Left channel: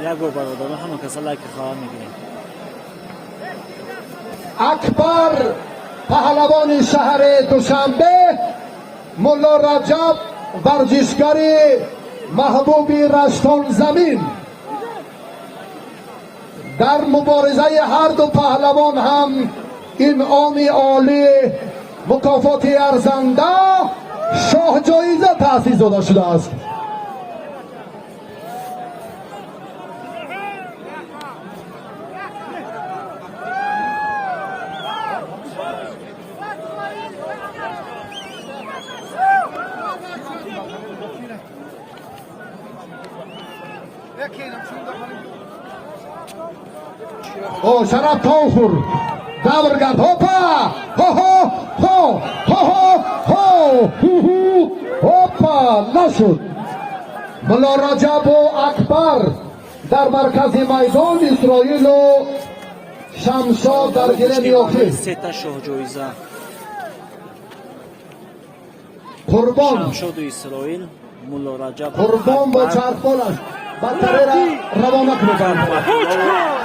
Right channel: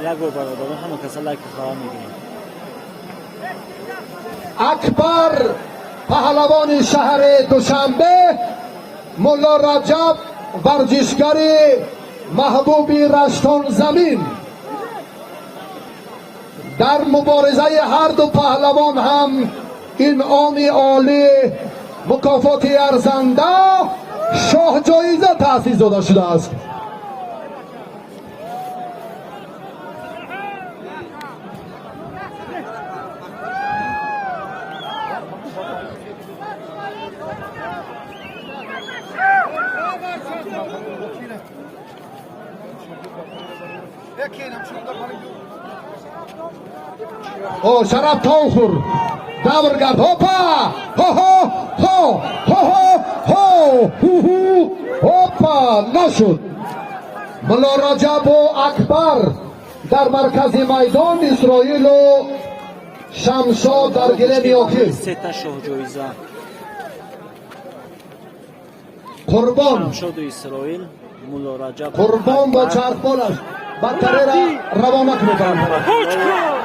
یک گو برادر همه کسا لایک خواه میگیریم. اکبر پهلوان شهر دوشنبه، مولا رجب ورزشگر محبوب رشتان زمین. در مبارزه هر دو پهلوان هم انعام عالی، مکافات ارزنده، شاه جایزه تأسیس داده شده است. او شراب تانخور دورگرد هوپا هو هو هو هو هو هو هوپا نشد. مولا رجب و اکبر در مرکز میدان اسرائیل و شمشاد در گله میافتیم. سه تا شاه جایزه قربان شمشاد اسرائیل، مولا رجب قربان با چرپالش برقرار روانه کنید.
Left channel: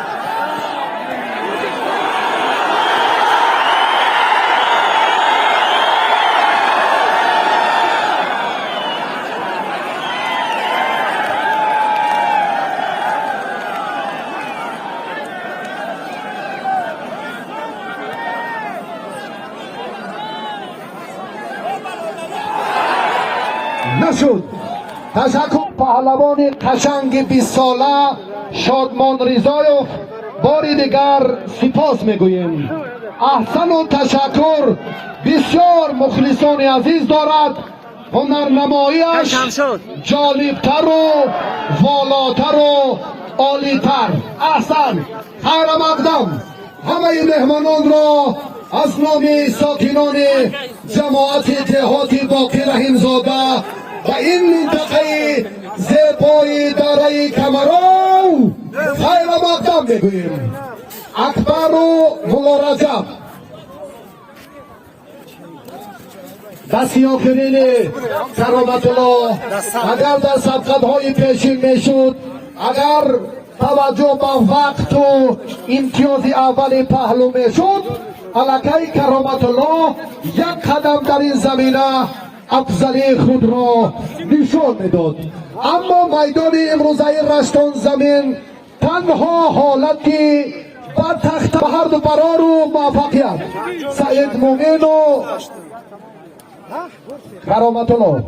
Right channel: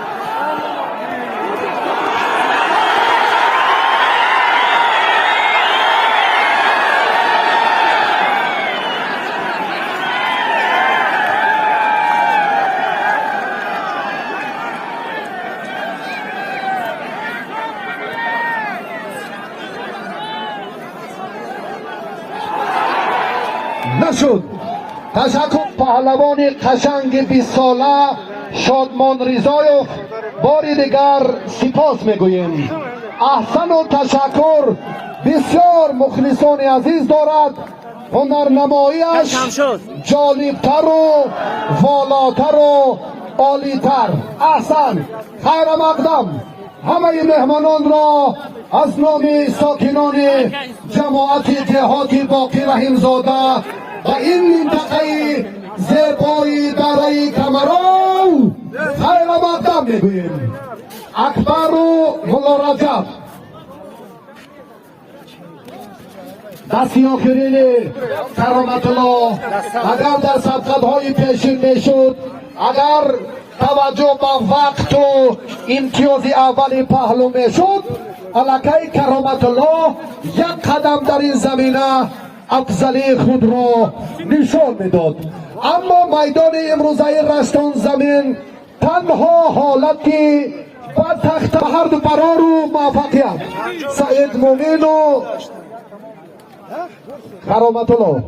نشد. تشکر پهلوان قشنگ 20 ساله شادمان رضایوف، باری دیگر سپاس میگوییم. احسن و تشکر. بسیار مخلصان عزیز دارد. هنرنماییش جالبتر و والاتر و عالیتر. احسن. خیر مقدم همه مهمانان را از نام ساکنان جماعت جهات باقی رحیمزاده و این منطقه زیبای دره کمران خیر مقدم میگوییم. اکبر و مولا رجب دستی آفرین سلامت الله. اگر در سبقت‌های پیشین میشد، اگر توجه به وقت و امتیاز اول پهلو میشد، الکی کرامت الله یک قدم در این زمینه افضلی خود را نشان میداد. اما میدان امروزه رشتان زمین تنها حالتی با تخت هر دو برار و موفقیت سعید مومن و کرامت الله.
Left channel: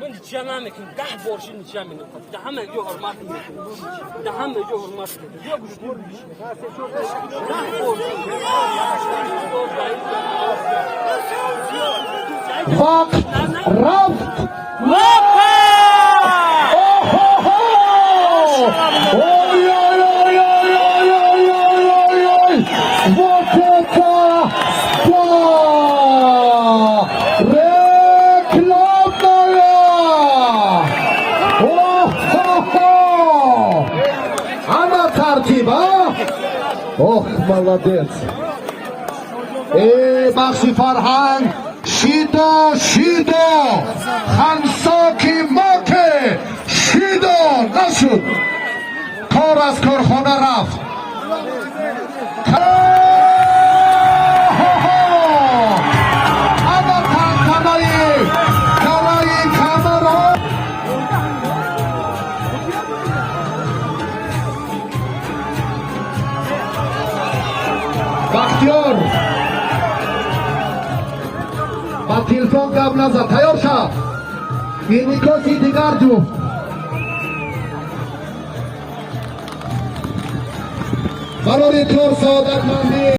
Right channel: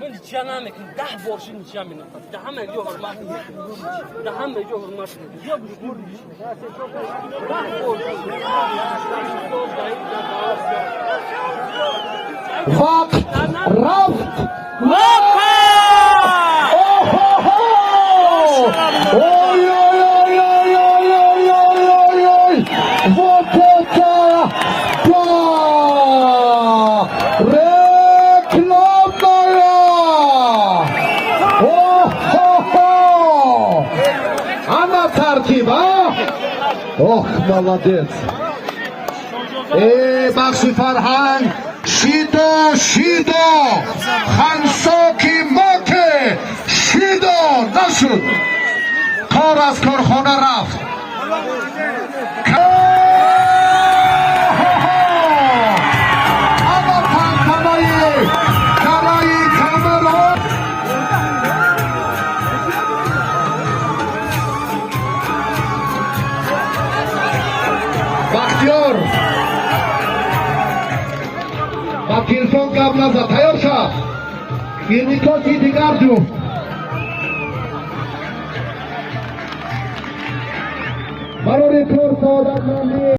من جمع میکنم 10 بار شین جمع میکنم. ده همه جو حرمت میکنم. ده همه جو حرمت میکنم. بیا گوش 10 بار. وقت رفت. وپا اوه молодец. بخشی فرهنگ شیدو شیدو خنساکی ماته شیدو نشد. کار از کارخانه رفت. بختیار با تلفن گپ نزد. تیار شد. این میکاسی دیگر جو برای طور سعادت مندی